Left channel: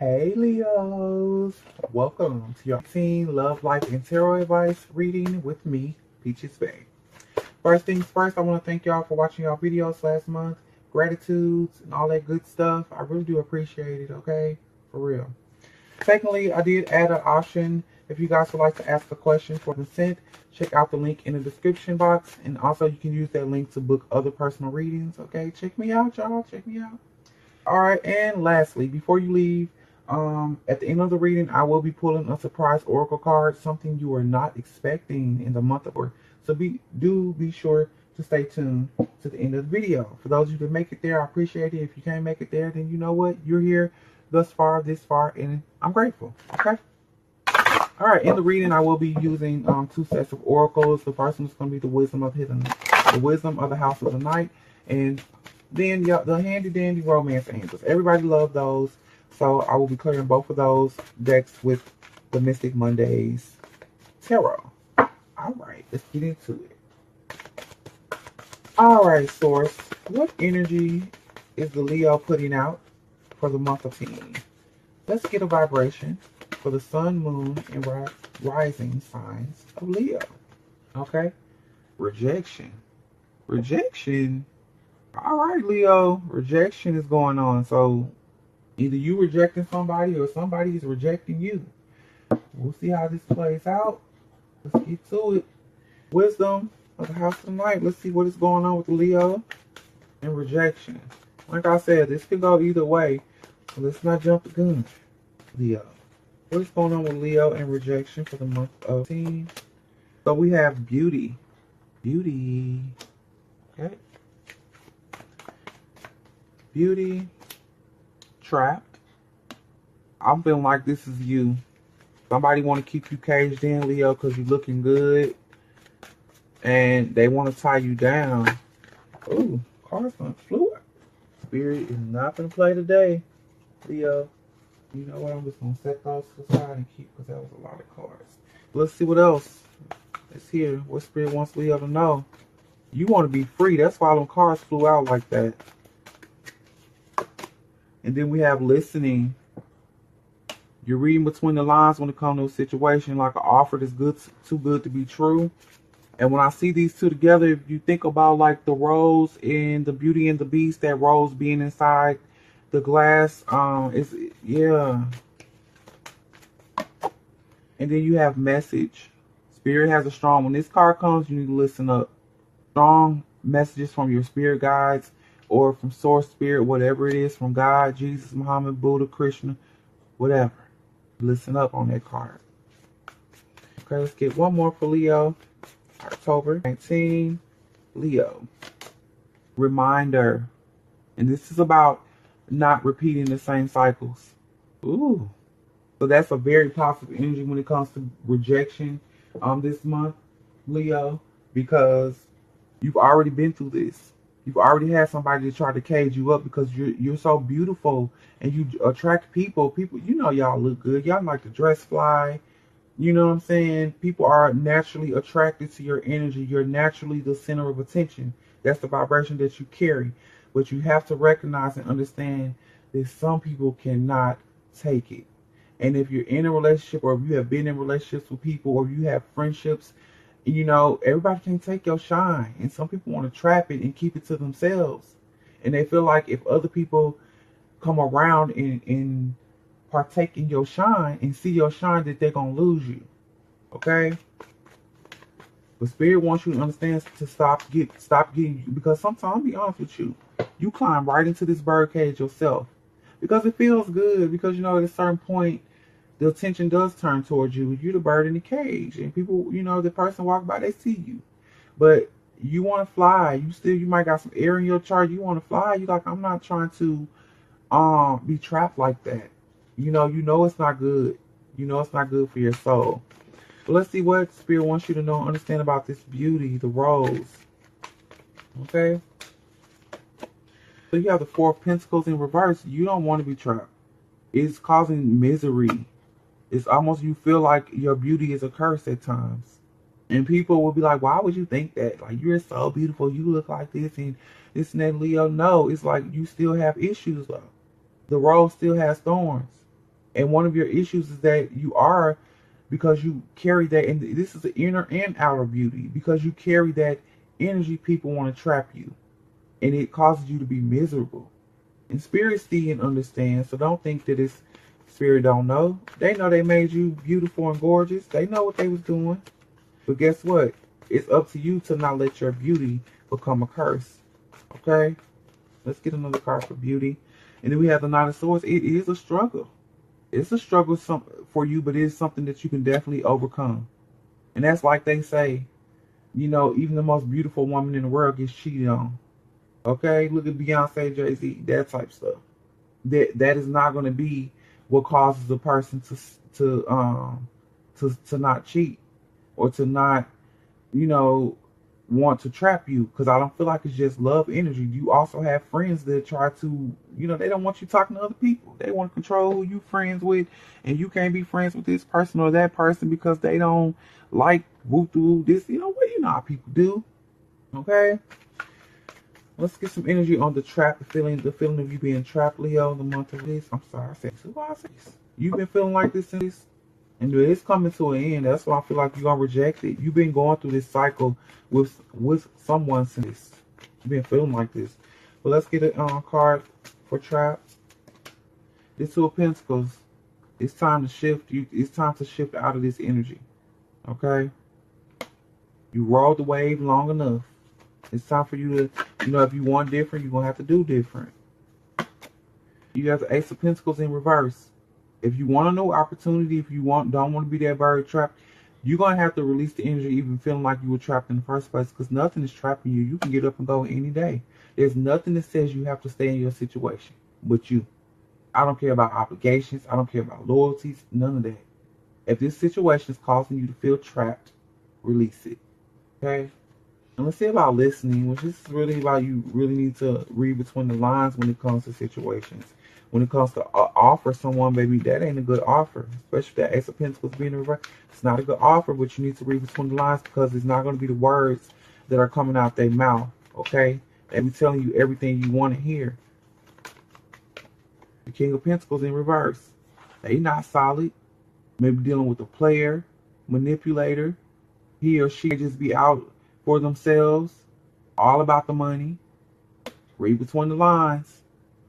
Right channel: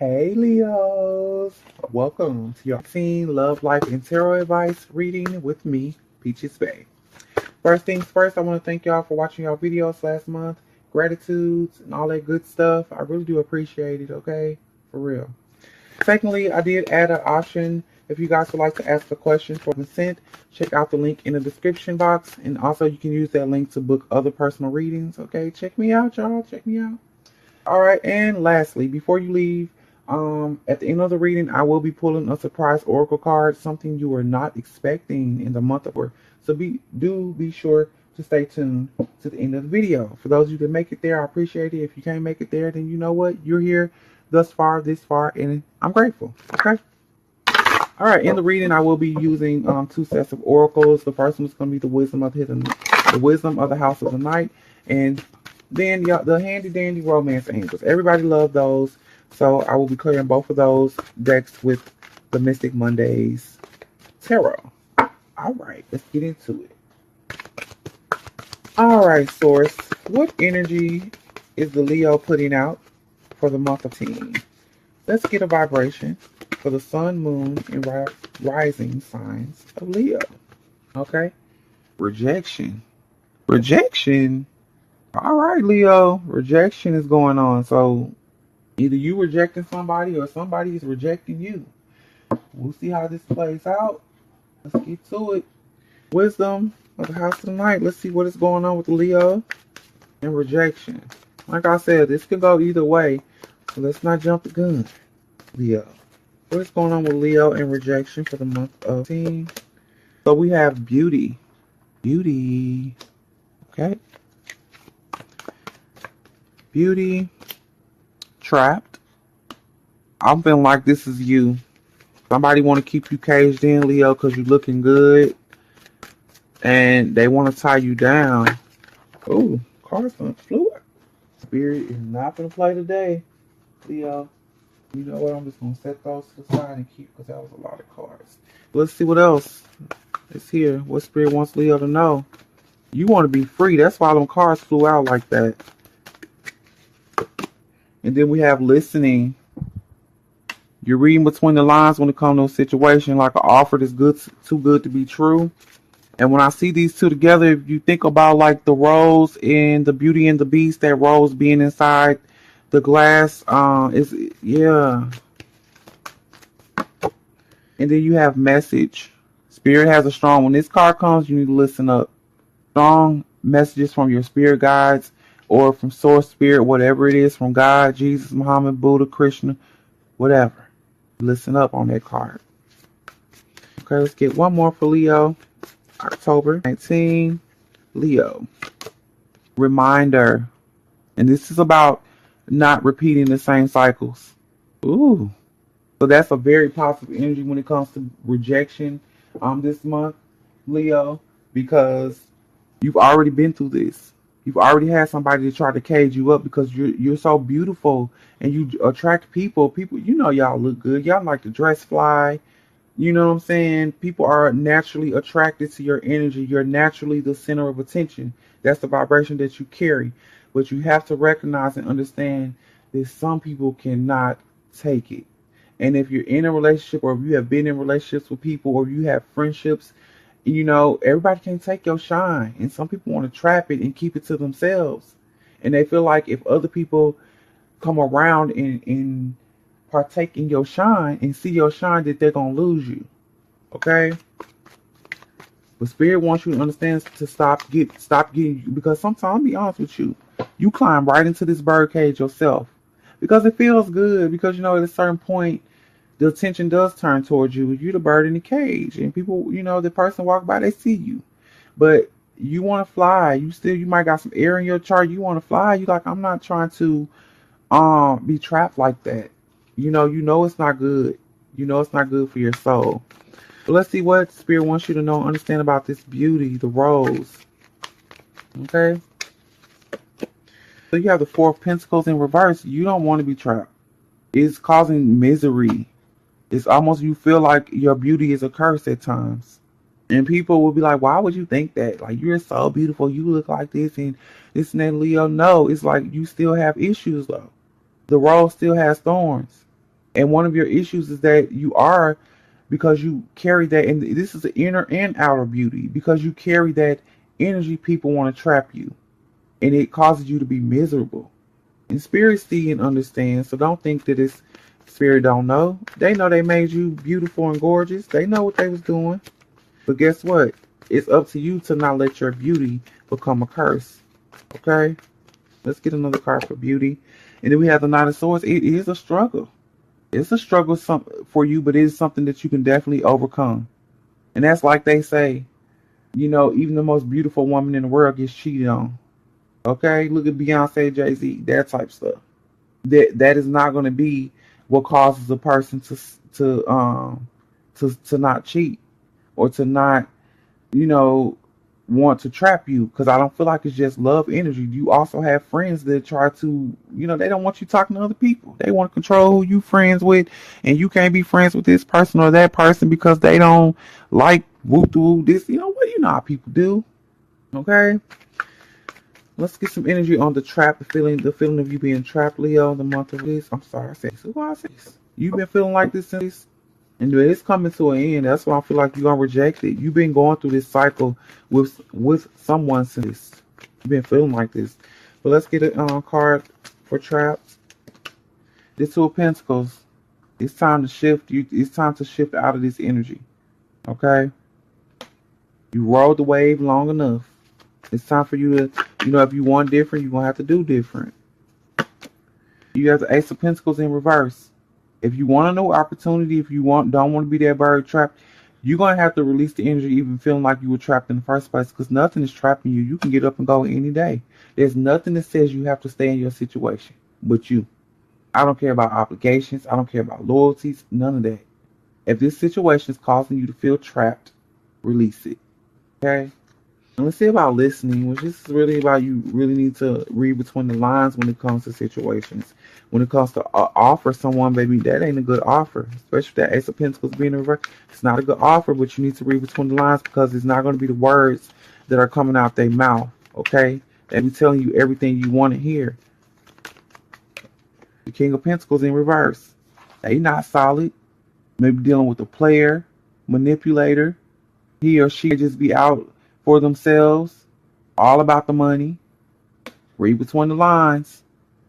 Hey Leos, welcome to your Teen Love, Life, and Tarot Advice reading with me, Peaches Bay. First things first, I want to thank y'all for watching y'all videos last month. Gratitudes and all that good stuff. I really do appreciate it, okay? For real. Secondly, I did add an option if you guys would like to ask a question for consent. Check out the link in the description box. And also you can use that link to book other personal readings, okay? Check me out, y'all. Check me out. All right, and lastly, before you leave, at the end of the reading, I will be pulling a surprise oracle card, something you are not expecting in the month of October. So be sure to stay tuned to the end of the video. For those of you that make it there, I appreciate it. If you can't make it there, then you know what? You're here thus far, this far, and I'm grateful. Okay. All right, in the reading, I will be using two sets of oracles. The first one's going to be the wisdom of the house of the night, and then the handy dandy romance angels. Everybody loves those. So I will be clearing both of those decks with the Mystic Mondays Tarot. All right, let's get into it. All right, Source. What energy is the Leo putting out for the month of Teen? Let's get a vibration for the sun, moon, and rising signs of Leo. Okay? Rejection. Rejection. All right, Leo. Rejection is going on. So either you rejecting somebody or somebody is rejecting you. We'll see how this plays out. Let's get to it. Wisdom of the house of the night. Let's see what is going on with Leo and rejection. Like I said, this could go either way. So let's not jump the gun. Leo. What is going on with Leo and rejection for the month of Teen? So we have beauty. Beauty. Okay. Beauty. Trapped. I'm feeling like this is you. Somebody want to keep you caged in, Leo, because you're looking good. And they want to tie you down. Oh, cards done flew. Spirit is not going to play today, Leo. You know what? I'm just going to set those to the side and keep, because that was a lot of cards. Let's see what else is here. What Spirit wants Leo to know. You want to be free. That's why them cards flew out like that. And then we have listening. You're reading between the lines when it comes to a situation, like an offer that's too good to be true. And when I see these two together, if you think about like the rose in the Beauty and the Beast, that rose being inside the glass, yeah. And then you have message. Spirit has a strong, when this card comes, you need to listen up. Strong messages from your spirit guides or from source spirit, whatever it is, from God, Jesus, Muhammad, Buddha, Krishna, whatever. Listen up on that card. Okay, let's get one more for Leo. October 19, Leo. Reminder. And this is about not repeating the same cycles. Ooh. So that's a very positive energy when it comes to rejection this month, Leo, because you've already been through this. You've already had somebody to try to cage you up because you're so beautiful and you attract people. People, you know, y'all look good. Y'all like to dress fly. You know what I'm saying? People are naturally attracted to your energy. You're naturally the center of attention. That's the vibration that you carry. But you have to recognize and understand that some people cannot take it. And if you're in a relationship, or if you have been in relationships with people, or you have friendships, you know, everybody can take your shine. And some people want to trap it and keep it to themselves. And they feel like if other people come around and partake in your shine and see your shine, that they're going to lose you. Okay? But Spirit wants you to understand to stop getting you. Because sometimes, I'll be honest with you, you climb right into this bird cage yourself. Because it feels good. Because, you know, at a certain point, the attention does turn towards you. You're the bird in the cage. And people, you know, the person walk by, they see you. But you want to fly. You might got some air in your chart. You want to fly. You like, I'm not trying to be trapped like that. You know it's not good. You know it's not good for your soul. But let's see what Spirit wants you to know and understand about this beauty, the rose. Okay? So you have the Four of Pentacles in reverse. You don't want to be trapped. It's causing misery. It's almost, you feel like your beauty is a curse at times. And people will be like, why would you think that? Like, you're so beautiful. You look like this and this and that, Leo. No, it's like you still have issues, though. The rose still has thorns. And one of your issues is that you are, because you carry that, and this is the inner and outer beauty, because you carry that energy, people want to trap you, and it causes you to be miserable. And spirit see and understand, so don't think that it's spirit don't know. They know they made you beautiful and gorgeous. They know what they was doing. But guess what? It's up to you to not let your beauty become a curse. Okay? Let's get another card for beauty. And then we have the Nine of Swords. It is a struggle. It's a struggle for you, but it is something that you can definitely overcome. And that's like they say, even the most beautiful woman in the world gets cheated on. Okay? Look at Beyonce, Jay-Z, that type stuff. That is not going to be what causes a person to not cheat, or to not, you know, want to trap you, because I don't feel like it's just love energy. You also have friends that try to, they don't want you talking to other people. They want to control who you friends with, and you can't be friends with this person or that person because they don't like whoop whoop this. You know how people do. Okay, let's get some energy on the trap, the feeling of you being trapped, Leo. The month of this. I'm sorry, I said this. Why I said this? You've been feeling like this since. And it's coming to an end. That's why I feel like you're gonna reject it. You've been going through this cycle with someone since. You've been feeling like this. But let's get a card for traps. This Two of Pentacles. It's time to shift. It's time to shift out of this energy. Okay. You rode the wave long enough. It's time for you to, if you want different, you're gonna have to do different. You have the Ace of Pentacles in reverse. If you want a new opportunity, if you don't want to be that bird trapped, you're going to have to release the energy, even feeling like you were trapped in the first place, because nothing is trapping you. You can get up and go any day. There's nothing that says you have to stay in your situation but you. I don't care about obligations. I don't care about loyalties. None of that. If this situation is causing you to feel trapped, release it. Okay? And let's see about listening, which is really about, you really need to read between the lines when it comes to situations. When it comes to offer someone, baby, that ain't a good offer. Especially if that Ace of Pentacles being in reverse. It's not a good offer, but you need to read between the lines, because it's not going to be the words that are coming out their mouth, okay? They be telling you everything you want to hear. The King of Pentacles in reverse. They not solid. Maybe dealing with a player, manipulator. He or she just be out for themselves, all about the money. Read between the lines.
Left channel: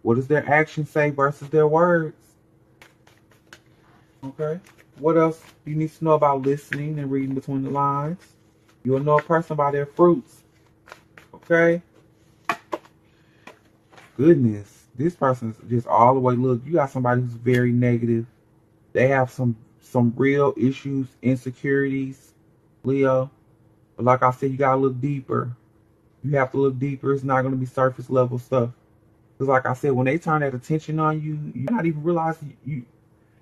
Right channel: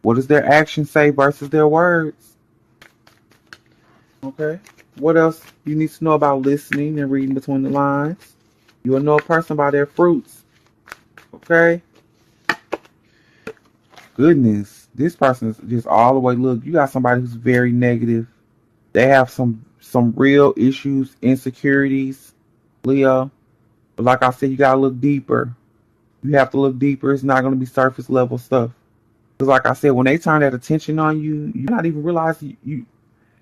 What does their actions say versus their words? Okay. What else you need to know about listening and reading between the lines? You will know a person by their fruits. Okay. Goodness. This person is just all the way. Look, you got somebody who's very negative. They have some real issues, insecurities, Leo. But like I said, you gotta look deeper. You have to look deeper. It's not going to be surface level stuff. Because like I said, when they turn that attention on you, you not even realize you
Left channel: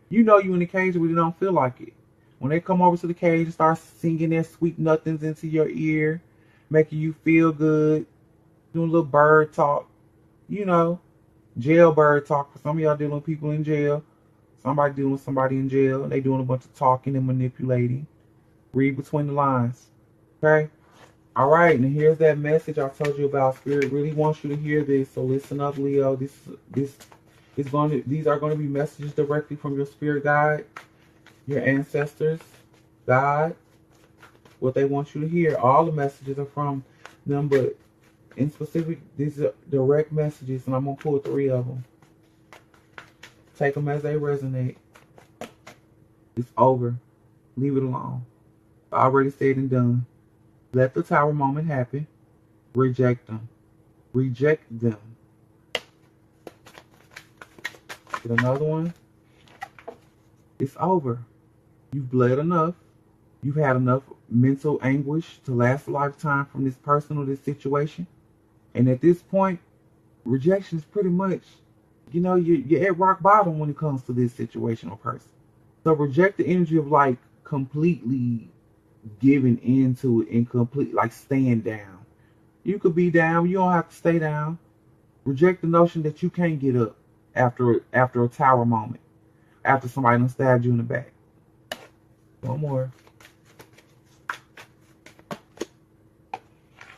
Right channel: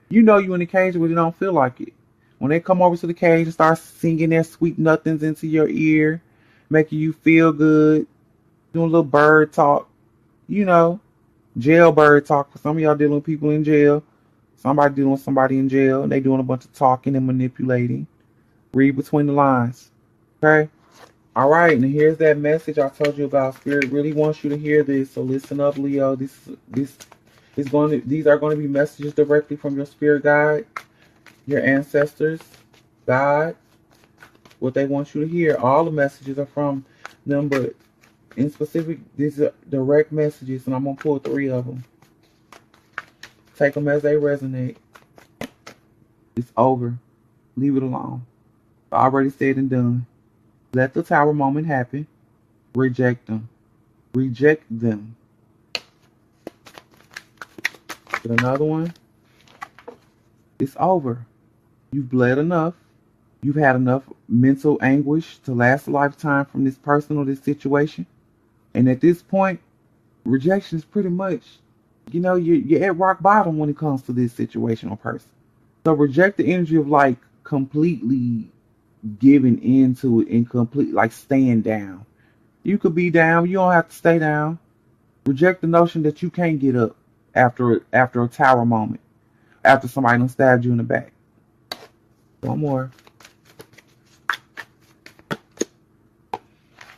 you in the cage, but you don't feel like it. When they come over to the cage and start singing their sweet nothings into your ear, making you feel good, doing a little bird talk, jailbird talk. For some of y'all dealing with people in jail. Somebody dealing with somebody in jail, and they doing a bunch of talking and manipulating. Read between the lines. Okay? All right, and here's that message I told you about. Spirit really wants you to hear this, so listen up, Leo. These are going to be messages directly from your spirit guide, your ancestors, God. What they want you to hear. All the messages are from them, but in specific, these are direct messages, and I'm going to pull 3 of them. Take them as they resonate. It's over. Leave it alone. Already said and done. Let the tower moment happen. Reject them. Reject them. Get another one. It's over. You've bled enough. You've had enough mental anguish to last a lifetime from this person or this situation. And at this point, rejection is pretty much, you're at rock bottom when it comes to this situation or person. So reject the energy of like completely giving into it and complete, like staying down. You could be down. You don't have to stay down. Reject the notion that you can't get up after a tower moment. After somebody done stabbed you in the back. One more.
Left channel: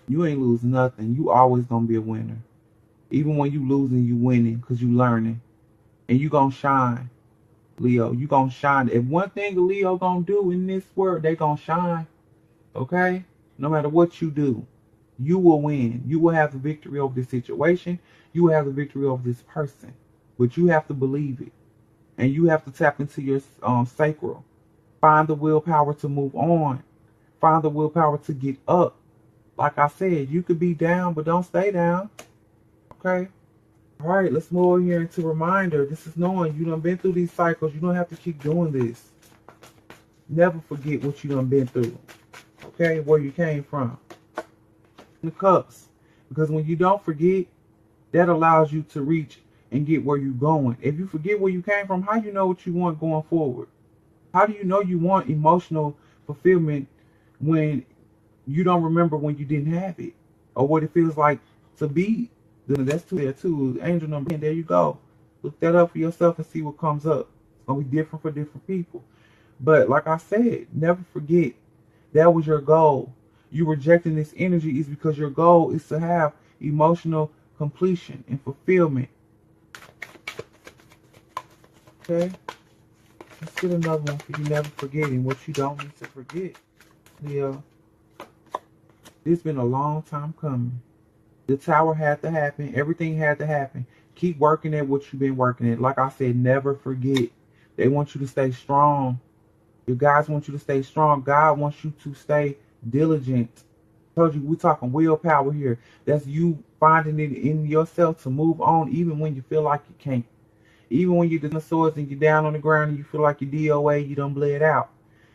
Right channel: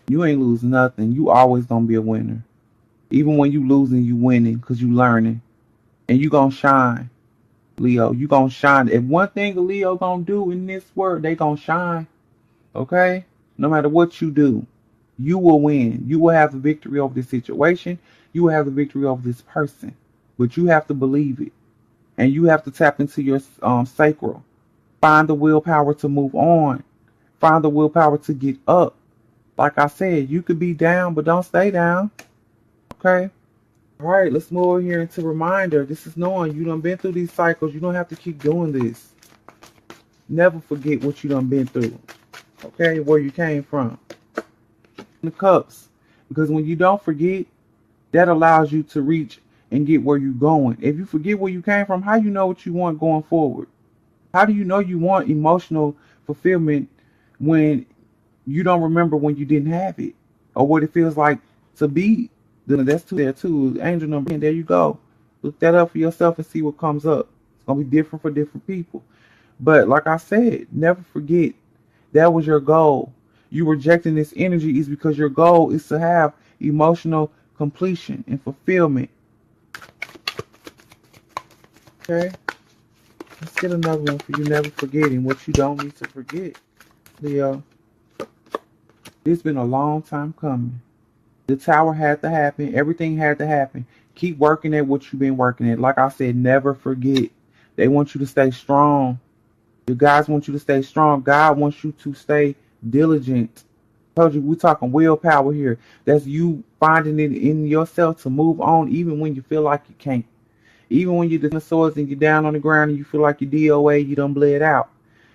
You ain't losing nothing. You always gonna be a winner. Even when you losing, you winning because you learning. And you gonna shine. Leo. You gonna shine. If one thing a Leo gonna do in this world, they gonna shine. Okay? No matter what you do, you will win. You will have the victory over this situation. You will have the victory over this person. But you have to believe it. And you have to tap into your sacral. Find the willpower to move on. Find the willpower to get up. Like I said, you could be down, but don't stay down. Okay? All right, let's move over here into reminder. This is knowing you done been through these cycles. You don't have to keep doing this. Never forget what you done been through. Okay? Where you came from. The cups. Because when you don't forget, that allows you to reach and get where you're going. If you forget where you came from, how you know what you want going forward? How do you know you want emotional fulfillment when you don't remember when you didn't have it? Or what it feels like to be? Then that's two there too. Angel number 10. There you go. Look that up for yourself and see what comes up. It's going to be different for different people. But like I said, never forget that was your goal. You rejecting this energy is because your goal is to have emotional completion and fulfillment. Okay? Let's get another one for you never forgetting what you don't need to forget. Leo, it's been a long time coming. The tower had to happen. Everything had to happen. Keep working at what you've been working at. Like I said, never forget. They want you to stay strong. Your guys want you to stay strong. God wants you to stay diligent. I told you we're talking willpower here. That's you finding it in yourself to move on even when you feel like you can't. Even when you're the swords and you're down on the ground and you feel like you're DOA, you done bled out.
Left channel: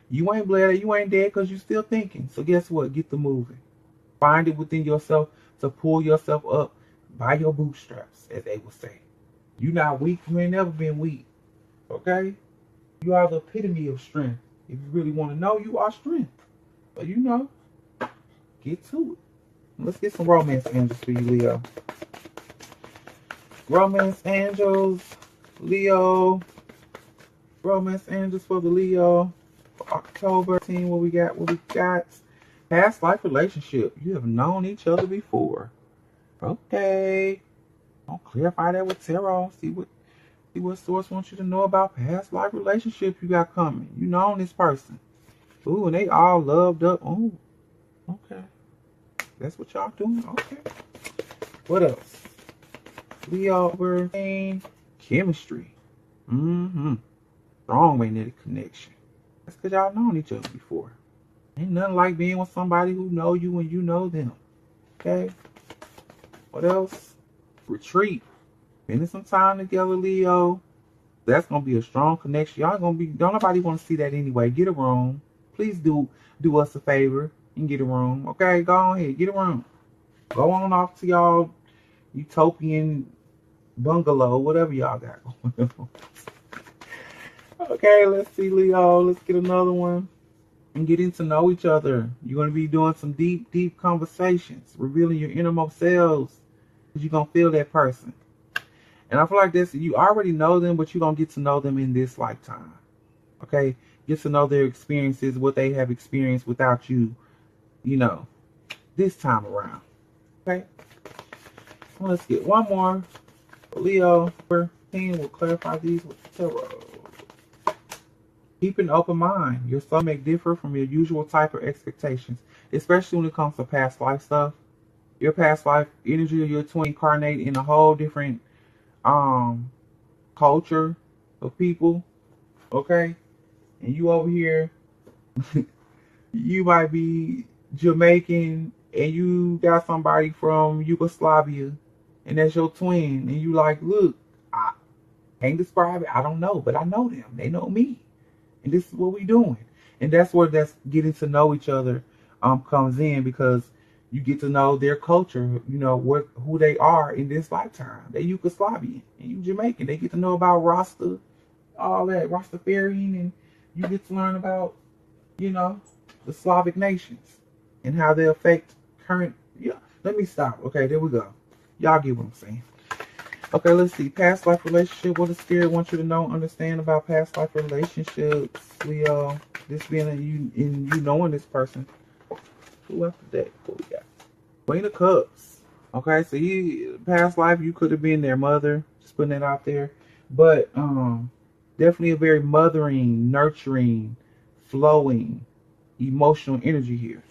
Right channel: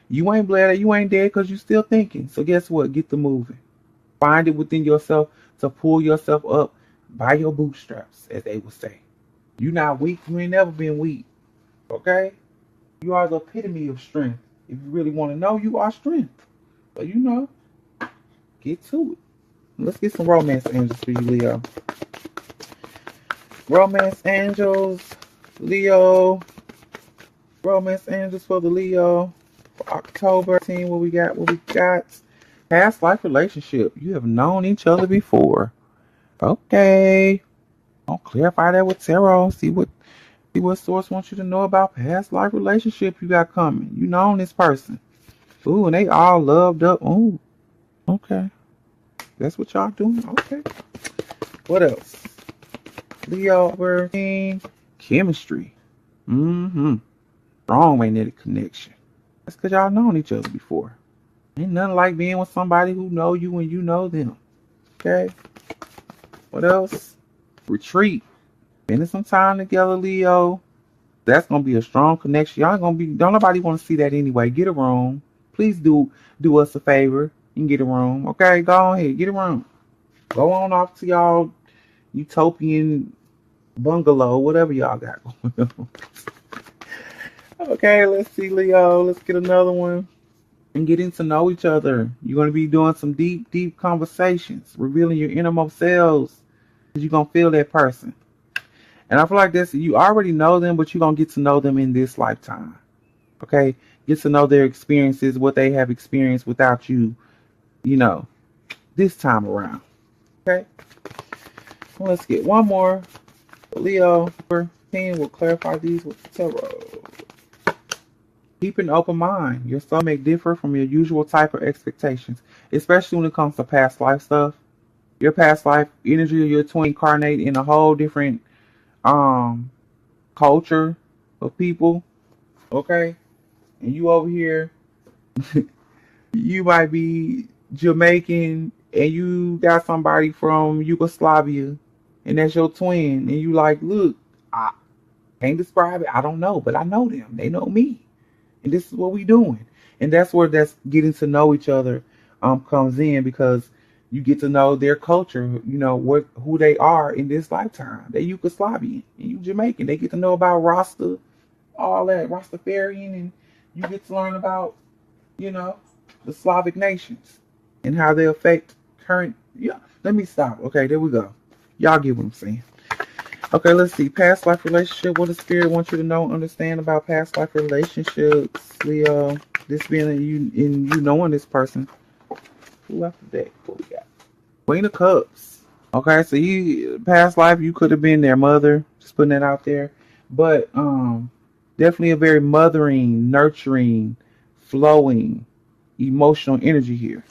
You ain't bled out, you ain't dead because you're still thinking. So guess what? Get to moving. Find it within yourself to pull yourself up by your bootstraps, as they would say. You're not weak. You ain't never been weak. Okay? You are the epitome of strength. If you really want to know, you are strength. But you know, get to it. Let's get some romance angels for you, Leo. Romance angels, Leo. Romance angels for the Leo. For October 10, what we got? Past life relationship. You have known each other before. Okay. I'll clarify that with tarot. See what source wants you to know about past life relationship you got coming. You know this person. Ooh, and they all loved up. Ooh. Okay. That's what y'all doing? Okay. What else? Leo, working chemistry. Strong magnetic connection. That's because y'all known each other before. Ain't nothing like being with somebody who know you and you know them. Okay. What else? Retreat. Spending some time together, Leo. That's gonna be a strong connection. Y'all gonna be. Don't nobody want to see that anyway. Get a room. Please do us a favor. You can get a room. Okay, go ahead. Get a room. Go on off to y'all utopian bungalow, whatever y'all got. Okay, let's see, Leo. Let's get another one. And getting to know each other. You're going to be doing some deep conversations, revealing your innermost selves. You're going to feel that person. And I feel like this, you already know them, but you're going to get to know them in this lifetime. Okay? Get to know their experiences, what they have experienced without you, this time around. Okay? Well, let's get one more. Leo, we'll clarify these with the tarot. Keep an open mind. Your soul may differ from your usual type of expectations, especially when it comes to past life stuff. Your past life energy of your twin incarnate in a whole different culture of people. Okay? And you over here, you might be Jamaican and you got somebody from Yugoslavia and that's your twin. And you like, look, I can't describe it. I don't know, but I know them. They know me. And this is what we doing. And that's where that's getting to know each other comes in, because you get to know their culture, who they are in this lifetime. They Yugoslavian and you Jamaican. They get to know about Rasta, all that, Rastafarian, and you get to learn about, the Slavic nations and how they affect current. Yeah, let me stop. Okay, there we go. Y'all get what I'm saying. Okay, let's see. Past life relationship. What the spirit wants you to know, understand about past life relationships, Leo. This being you knowing this person. Who off the deck? What we got? Queen of Cups. Okay, so you past life, you could have been their mother. Just putting that out there. But Definitely a very mothering, nurturing, flowing, emotional energy here.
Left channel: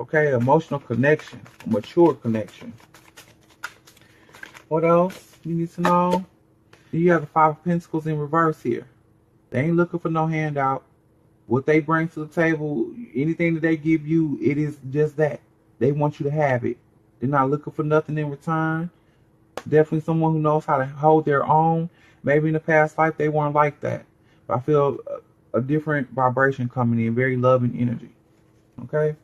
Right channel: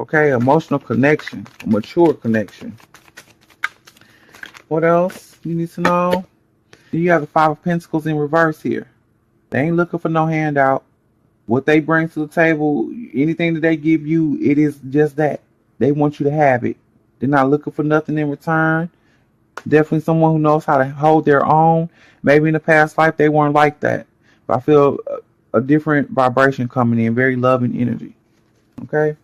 Okay, emotional connection, a mature connection. What else you need to know? You have the Five of Pentacles in reverse here. They ain't looking for no handout. What they bring to the table, anything that they give you, it is just that. They want you to have it. They're not looking for nothing in return. Definitely someone who knows how to hold their own. Maybe in the past life they weren't like that. But I feel a different vibration coming in, very loving energy. Okay?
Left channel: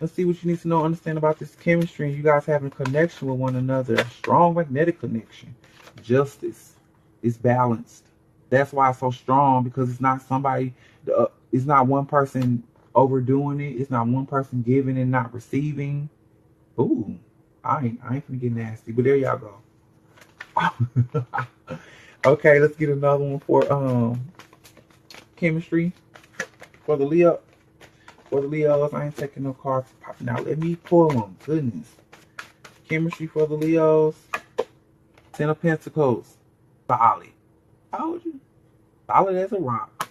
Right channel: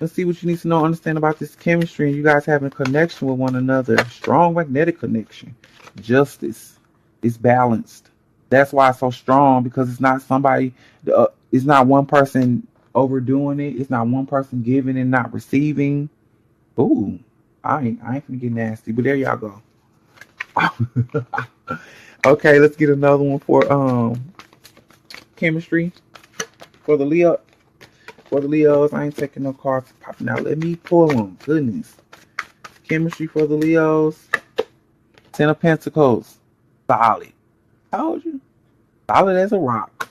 Let's see what you need to know, understand about this chemistry and you guys having a connection with one another. Strong magnetic connection. Justice. It's balanced. That's why it's so strong, because it's not somebody, it's not one person overdoing it. It's not one person giving and not receiving. Ooh, I ain't gonna get nasty, but there y'all go. Okay, let's get another one for chemistry for the Leo. For the Leos, I ain't taking no cards popping out. Let me pull them. Goodness. Chemistry for the Leos. Ten of Pentacles. Solid. Told you. Solid as a rock.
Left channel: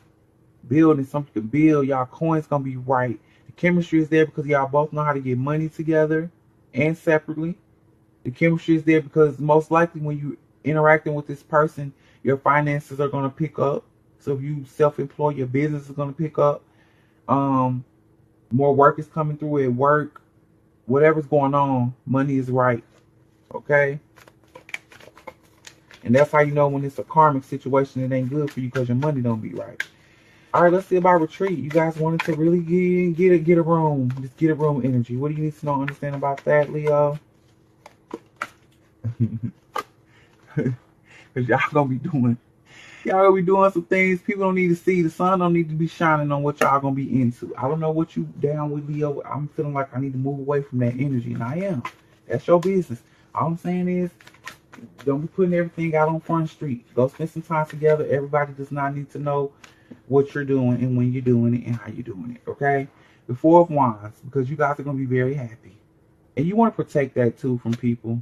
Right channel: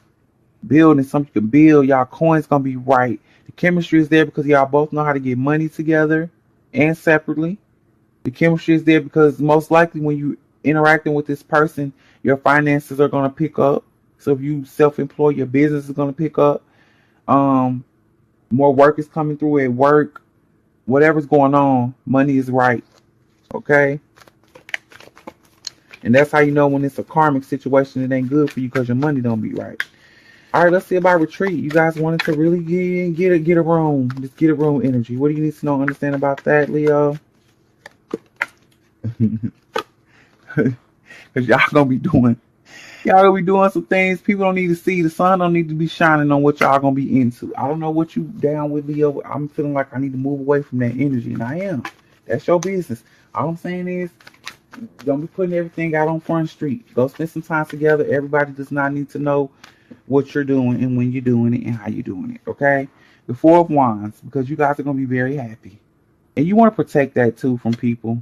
Building something you can build. Y'all coins gonna be right. The chemistry is there because y'all both know how to get money together and separately. The chemistry is there because most likely when you interacting with this person, your finances are gonna pick up. So if you self-employ, your business is gonna pick up. More work is coming through at work. Whatever's going on, money is right. Okay? And that's how you know when it's a karmic situation, it ain't good for you because your money don't be right. All right, let's see about retreat. You guys wanted to really get a room. Just get a room energy. What do you need to know, understand about that, Leo? Because y'all gonna be doing some things people don't need to see. The sun don't need to be shining on what y'all gonna be into. I don't know what you down with, Leo. I'm feeling like I need to move away from that energy, and I am. That's your business. All I'm saying is, don't be putting everything out on Front Street. Go spend some time together. Everybody does not need to know what you're doing and when you're doing it and how you're doing it. Okay? The Four of Wands, because you guys are gonna be very happy, and you want to protect that too from people.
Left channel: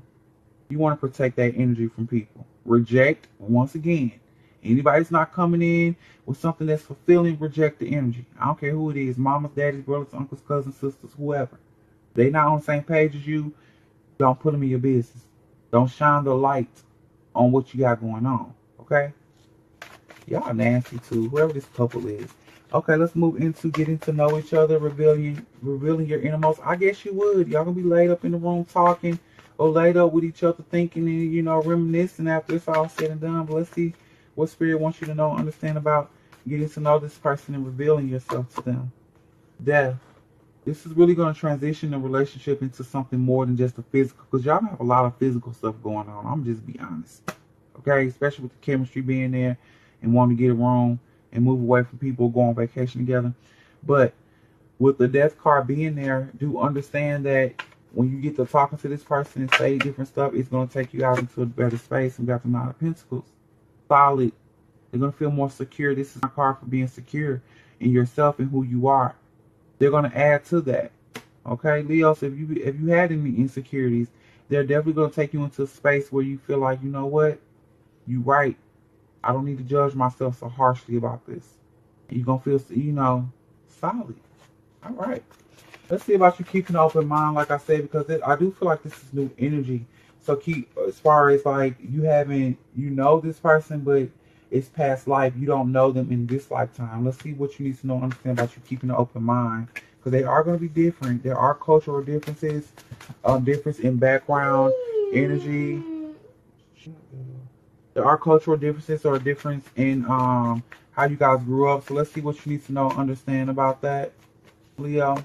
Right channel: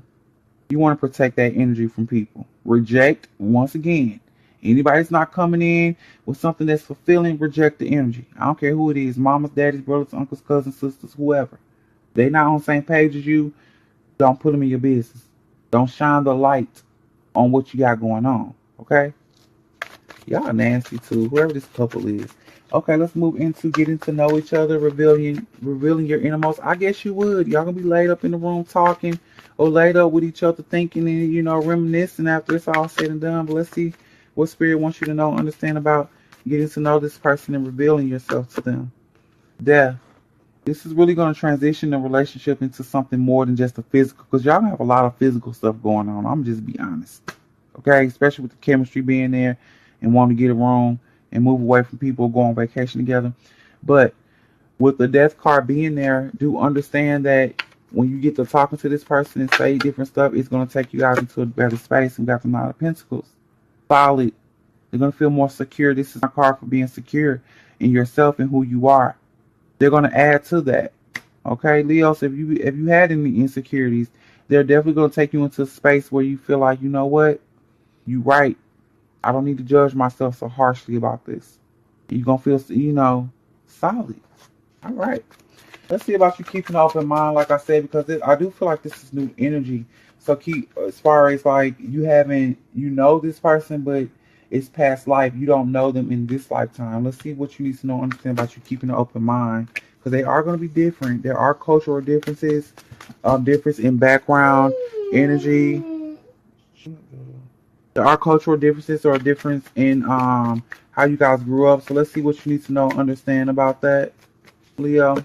You want to protect that energy from people. Reject, once again. Anybody's not coming in with something that's fulfilling, reject the energy. I don't care who it is. Mamas, daddies, brothers, uncles, cousins, sisters, whoever. They not on the same page as you. Don't put them in your business. Don't shine the light on what you got going on. Okay? Y'all nasty too. Whoever this couple is. Okay, let's move into getting to know each other, revealing your innermost. I guess you would. Y'all gonna be laid up in the room talking, or laid up with each other thinking and reminiscing after it's all said and done. But let's see what spirit wants you to know, understand about getting to know this person and revealing yourself to them. Death. This is really going to transition the relationship into something more than just a physical, because y'all have a lot of physical stuff going on. I'm just be honest. Okay? Especially with the chemistry being there and wanting to get it wrong and move away from people, go on vacation together. But with the death card being there, do understand that when you get to talking to this person and say different stuff, it's going to take you out into a better space. And got the Nine of Pentacles. Solid. They're going to feel more secure. This is a card for being secure in yourself and who you are. They're going to add to that. Okay, Leo, so if you had any insecurities, they're definitely going to take you into a space where you feel like, you know what? You right. I don't need to judge myself so harshly about this. You're going to feel, solid. All right. Let's see about you keeping an open mind, like I said, because I do feel like this is new energy. So keep, as far as like you know this person, but it's past life. You don't know them in this lifetime. Let's see what you need to know, understand about you keeping an open mind, because they are going to be different. There are cultural differences, difference in background, energy. There are cultural differences or difference in how you guys grew up. So let's see what you need to know, understand about that, Leo.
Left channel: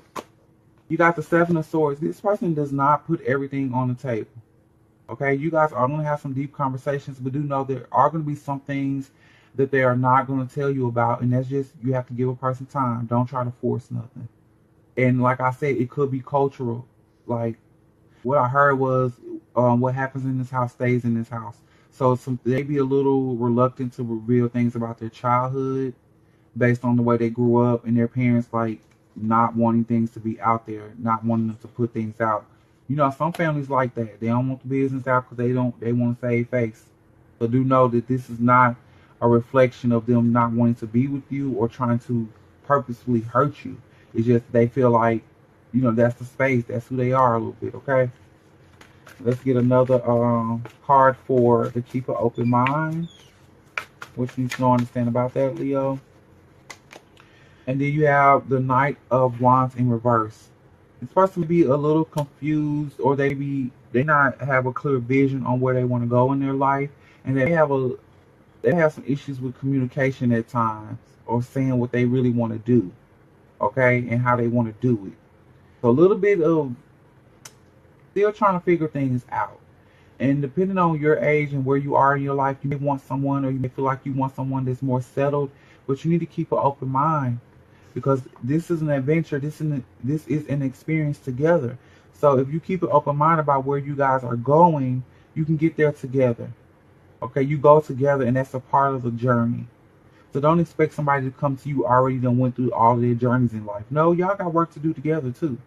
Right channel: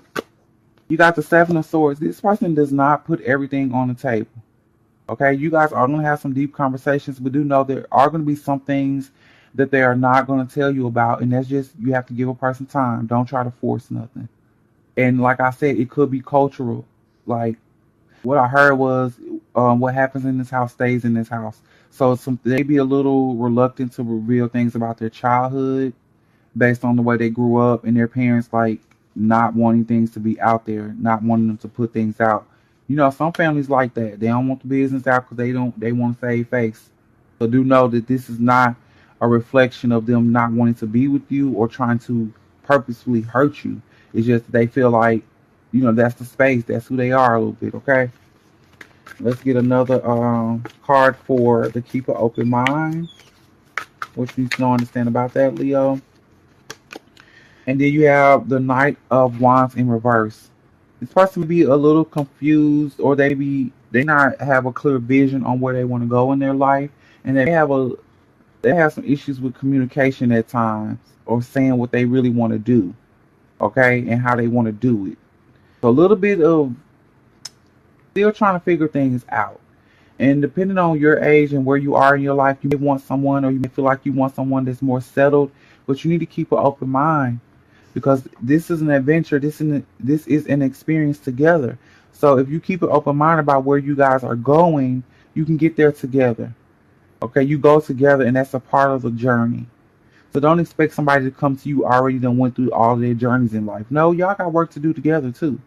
You got the Seven of Swords. This person does not put everything on the table. Okay, you guys are going to have some deep conversations, but do know there are going to be some things that they are not going to tell you about, and that's just, you have to give a person time. Don't try to force nothing. And like I said, it could be cultural. Like what I heard was, what happens in this house stays in this house. So they be a little reluctant to reveal things about their childhood based on the way they grew up and their parents like not wanting things to be out there, not wanting them to put things out. Some families like that. They don't want the business out because they want to save face. So do know that this is not a reflection of them not wanting to be with you or trying to purposefully hurt you. It's just they feel like, that's the space. That's who they are a little bit, okay? Let's get another card for the keep an open mind. What you need to know, understand about that, Leo. And then you have the Knight of Wands in reverse. This person may be a little confused, or they not have a clear vision on where they want to go in their life, and they have some issues with communication at times, or saying what they really want to do, okay, and how they want to do it. So a little bit of still trying to figure things out. And depending on your age and where you are in your life, you may want someone, or you may feel like you want someone that's more settled, but you need to keep an open mind, because this is an adventure. This is an experience together. So if you keep an open mind about where you guys are going, you can get there together. Okay, you go together, and that's a part of the journey. So don't expect somebody to come to you already done went through all their journeys in life. No, y'all got work to do together too.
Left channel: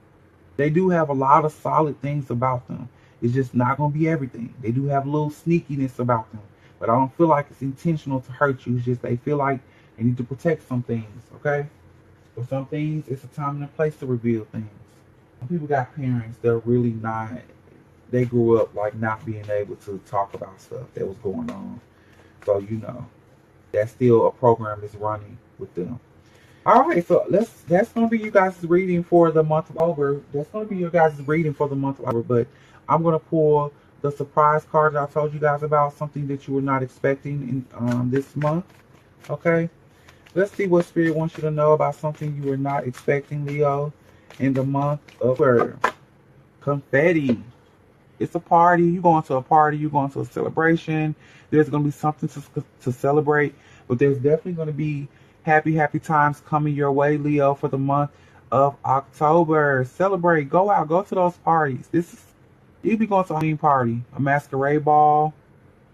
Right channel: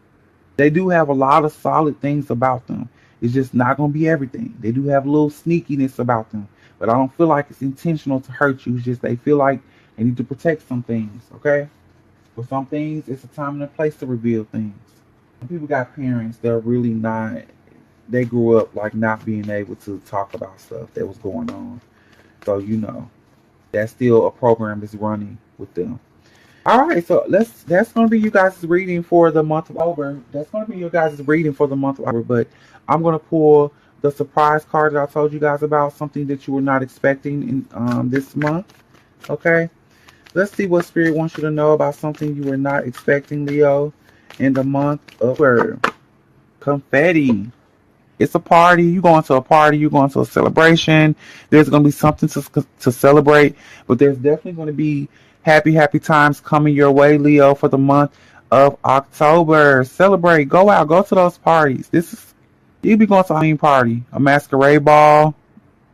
They do have a lot of solid things about them. It's just not going to be everything. They do have a little sneakiness about them. But I don't feel like it's intentional to hurt you. It's just they feel like they need to protect some things, okay? For some things, it's a time and a place to reveal things. Some people got parents that are really not, they grew up like not being able to talk about stuff that was going on. So, that's still a program that's running with them. All right, so that's going to be you guys' reading for the month of October. That's going to be your guys' reading for the month of October, but I'm going to pull the surprise card that I told you guys about, something that you were not expecting in this month, okay? Let's see what Spirit wants you to know about something you were not expecting, Leo, in the month of October. Confetti. It's a party. You're going to a party. You're going to a celebration. There's going to be something to celebrate, but there's definitely going to be happy times coming your way, Leo, for the month of October. Celebrate. Go out. Go to those parties. You'll be going to a Halloween party, a masquerade ball,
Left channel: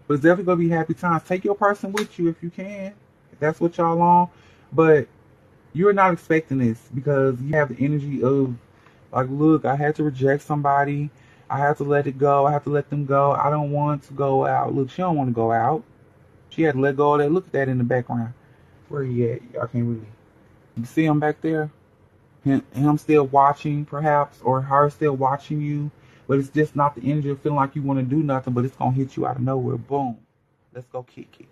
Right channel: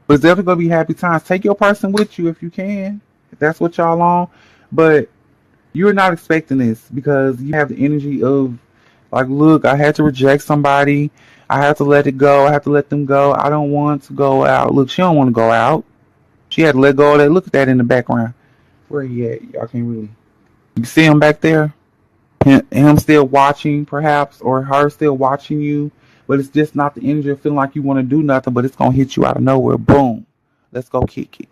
but it's definitely going to be happy times. Take your person with you if you can, if that's what y'all on. But you're not expecting this because you have the energy of, like, look, I had to reject somebody. I have to let it go. I have to let them go. I don't want to go out. Look, she don't want to go out. She had to let go of that. Look at that in the background. Where he at? Y'all can't really. You see him back there? Him still watching, perhaps, or her still watching you. But it's just not the energy of feeling like you want to do nothing, but it's going to hit you out of nowhere. Boom. Let's go kick it.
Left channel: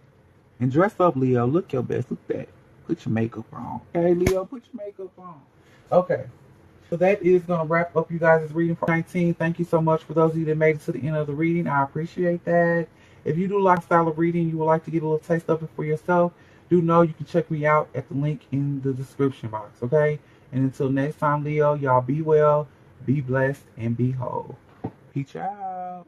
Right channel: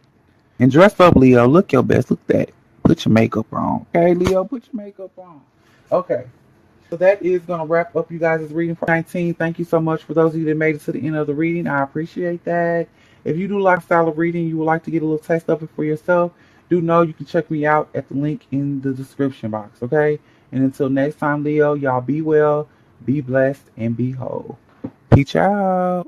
And dress up, Leo. Look your best. Look that. Put your makeup on. Okay, Leo, put your makeup on. Okay. So that is going to wrap up you guys' reading for 19. Thank you so much for those of you that made it to the end of the reading. I appreciate that. If you do like style of reading, you would like to get a little taste of it for yourself, do know you can check me out at the link in the description box, okay? And until next time, Leo, y'all be well, be blessed, and be whole. Peace out.